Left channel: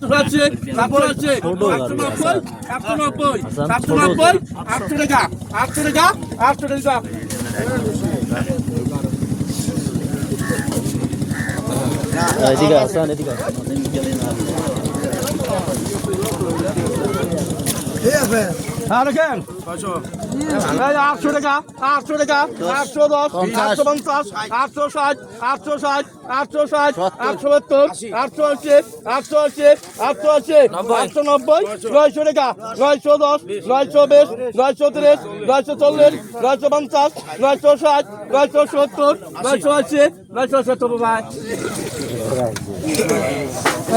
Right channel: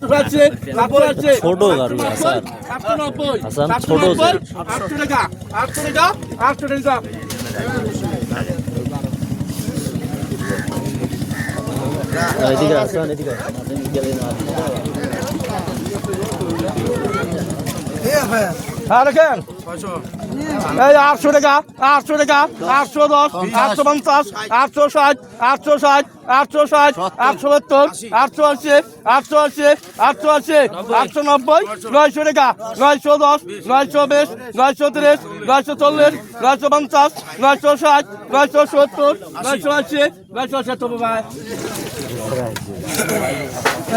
আছে তারপর আছে নব্বই আটশো নব্বই সাতশো নব্বই আটশো টাকা আটশো টাকা আটশো টাকা। এদিকে আসেন আটশো টাকা আটশো টাকা আটশো দশ আটশো পঞ্চাশ আটশো ষাট আটশো ষাট আটশো ষাট আটশো সত্তর আটশো আশি আটশো আশি আটশো আশি আটশো নব্বই নয়শো। টাকা নয়শো দশ নয়শো বিশ নয়শো তিরিশ নয়শো চল্লিশ নয়শো পঞ্চাশ নয়শো ষাট নয়শো সত্তর নয়শো আশি নয়শো সত্তর ভাই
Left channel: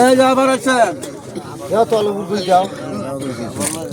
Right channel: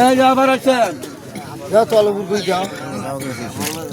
এই যে আবার আছেন।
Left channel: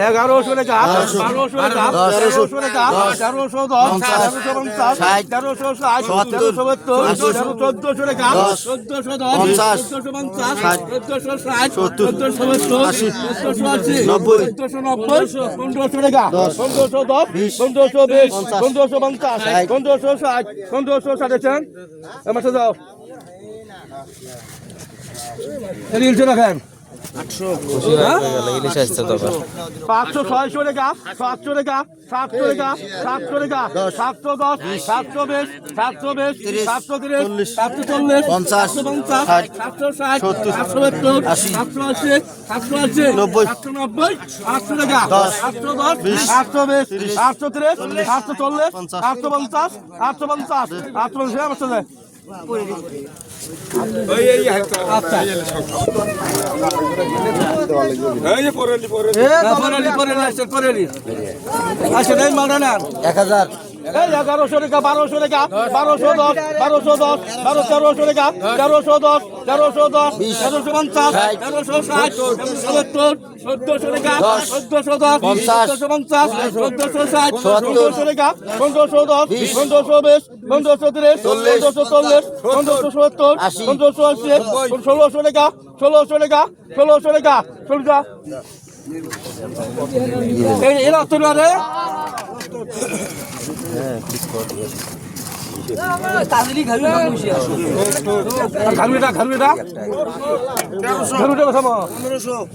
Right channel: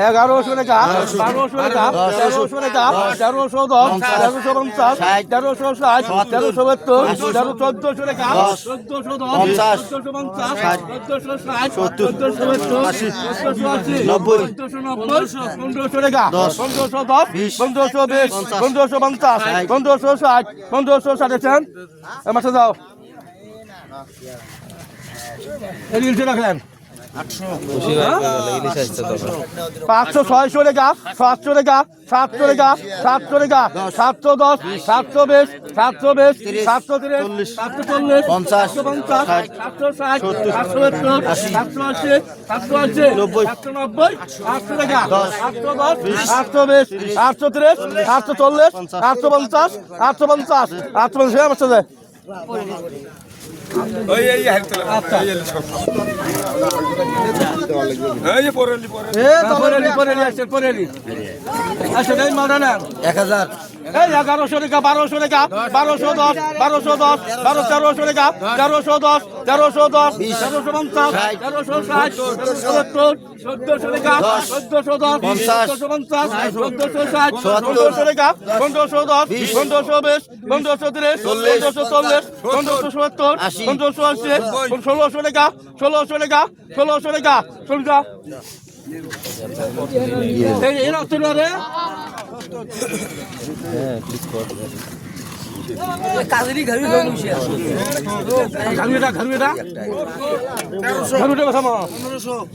এগারোশো বারোশো তেরোশো তেরোশো দশ তেরোশো পঞ্চাশ তেরোশো ষাট তেরোশো সত্তর তেরো চোদ্দশো টাকা চোদ্দশো দশ চোদ্দশো পঞ্চাশ চোদ্দশো ষাট চোদ্দশো সত্তর চোদ্দশো আশি নব্বই। চোদ্দশো নব্বই পনেরোশো টাকা পনেরোশো দশ পনেরোশো বিশ পনেরোশো পঞ্চাশ পনেরোশো ষাট পনেরোশো ষাট আছেন মাসে যাও রিলসে রাখেন পাঁচশো ছয়শো টাকা সাতশো টাকা সাতশো টাকা সাতশো টাকা সাতশো দশ সাতশো বিশ সাতশো বিশ সাতশো তিরিশ সাতশো চল্লিশ পঞ্চাশ, সাতশো পঞ্চাশ সাতশো ষাট সাতশো সত্তর সাতশো আশি সাতশো আশি নব্বই, সাতশো নব্বই আটশো টাকা দশ, আটশো দশ আটশো বিশ আটশো তিরিশ আটশো চল্লিশ পঞ্চাশ, আটশো পঞ্চাশ আটশো পঞ্চাশ আটশো পঞ্চাশ। আচ্ছা এক হাজার এগারোশো টাকা বারোশো টাকা বারোশো দশ বারোশো দশ বারো তেরোশো টাকা তেরোশো দশ তেরোশো দশ তেরোশো পঞ্চাশ তেরোশো ষাট সত্তর চোদ্দশো টাকা দশ, চোদ্দশো দশ চোদ্দশো পঞ্চাশ চোদ্দশো ষাট পনেরোশো টাকা পনেরোশো দশ পনেরোশো বিশ পনেরোশো তিরিশ পনেরোশো চল্লিশ পনেরোশো সত্তর পনেরোশো আশি ষোলোশো টাকা ষোলোশো টাকা ষোলোশো টাকা ষোলোশো এরা রে। হ্যাঁ বেসামো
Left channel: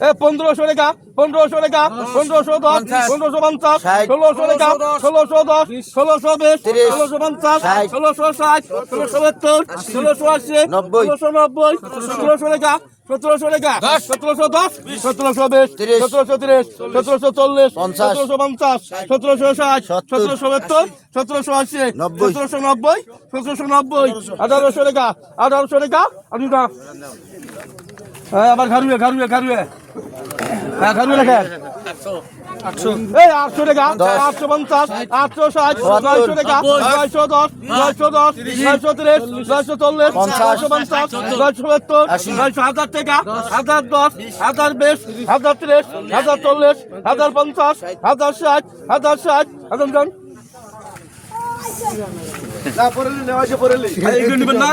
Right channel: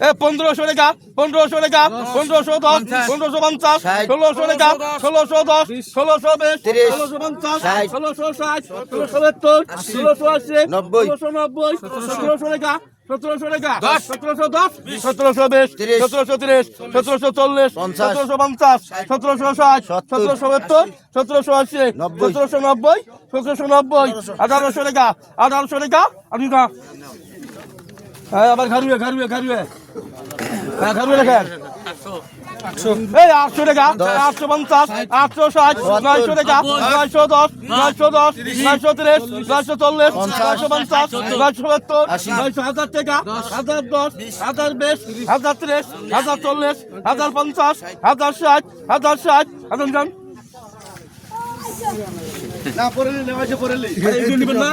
এ পনেরোশো টাকা পনেরোশো টাকা পনেরোশো দশ পনেরোশো পঞ্চাশ ষোলোশো টাকা ষোলোশো দশ ষোলোশো বিশ ষোলোশো পঞ্চাশ ষোলোশো ষাট ষোলোশো সত্তর ষোলোশো আশি ষোলোশো নব্বই সতেরোশো টাকা সতেরোশো টাকা সতেরোশো দশ সতেরোশো বিশ তিরিশ, সতেরোশো তিরিশ সতেরোশো চল্লিশ সতেরোশো পঞ্চাশ সতেরোশো ষাট সতেরোশো সত্তর সতেরোশো আশি সতেরোশো নব্বই সতেরোশো নব্বই আঠারোশো টাকা আঠারোশো টাকা হ্যাঁ আবার ঘারুয়ে ঘারুয়ে ঘারুয়ে হ্যাঁ ঘারুয়ে লেখেন। এই আটশো টাকা। আটশো পঞ্চাশ আটশো ষাট নয়শো টাকা নয়শো দশ নয়শো দশ নয়শো তিরিশ নয়শো চল্লিশ পঞ্চাশ, পঞ্চাশ নয়শো সত্তর নয়শো হাজার টাকা হাজার দশ হাজার বিশ হাজার তিরিশ হাজার চল্লিশ হাজার পঞ্চাশ হাজার ষাট হাজার ষাট হাজার জন। এই যে নিবেন না?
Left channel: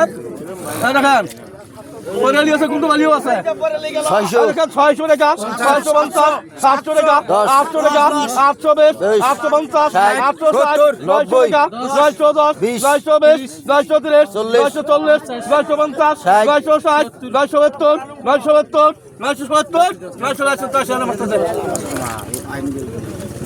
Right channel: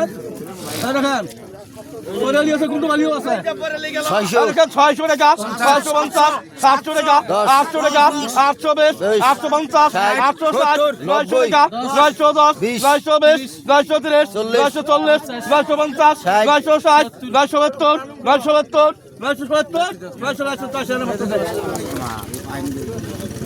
হ্যাঁ, দেখেন। পরেলি আছে কোনটো বালিও আছে 600 600 টাকা 650 700 টাকা 800 টাকা 820 850 860 90 910 920 930 940 950 960 970 970 970 970 নয়শো 970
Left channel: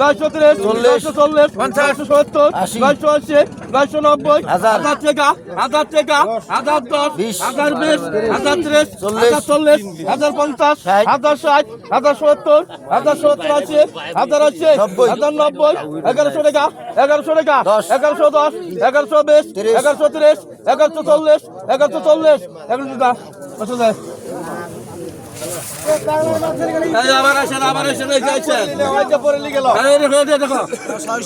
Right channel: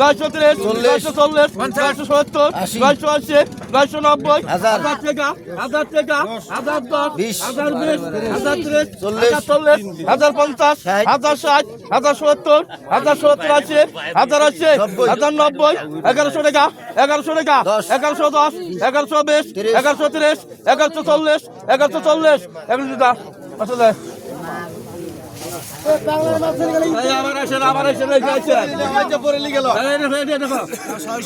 নয়শো তিরিশ, নয়শো চল্লিশ, নয়শো সত্তর, নয়শো আশি, নয়শো নব্বই, হাজার, টাকা, হাজার টাকা, হাজার দশ, হাজার বিশ, হাজার ত্রিশ, চল্লিশ, হাজার চল্লিশ, হাজার পঞ্চাশ, হাজার ষাট, হাজার সত্তর, হাজার সত্তর আশি, হাজার আশি, নব্বই, হাজার নব্বই, এগারোশো টাকা, এগারোশো টাকা, দশ, এগারোশো দশ, এগারোশো বিশ, এগারোশো তিরিশ, এগারোশো চল্লিশ, এগারোশো চল্লিশ, এগারোশো দা,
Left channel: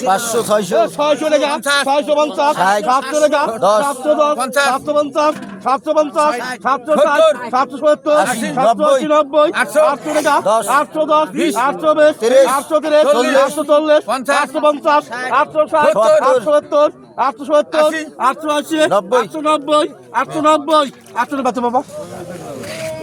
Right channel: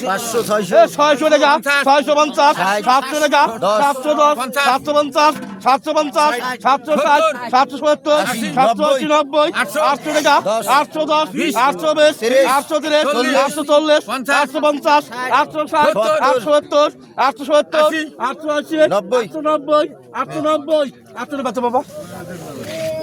পাঁচশো ছয়শো। ছয়শো টাকা, ছয়শো পঞ্চাশ, সাতশো টাকা, সাতশো দশ, সাতশো পঞ্চাশ, সাতশো পঞ্চাশ সাতশো ষাট সাতশো সত্তর সাতশো আশি নব্বই, নব্বই আটশো টাকা দশ, আটশো দশ আটশো বিশ তিরিশ, আটশো তিরিশ চল্লিশ, আটশো চল্লিশ আটশো পঞ্চাশ আটশো ষাট সত্তর, আটশো সত্তর আটশো সত্তর আশি, আটশো আশি নব্বই। আটশো নব্বই আটশো নব্বই। আটশো বাবা।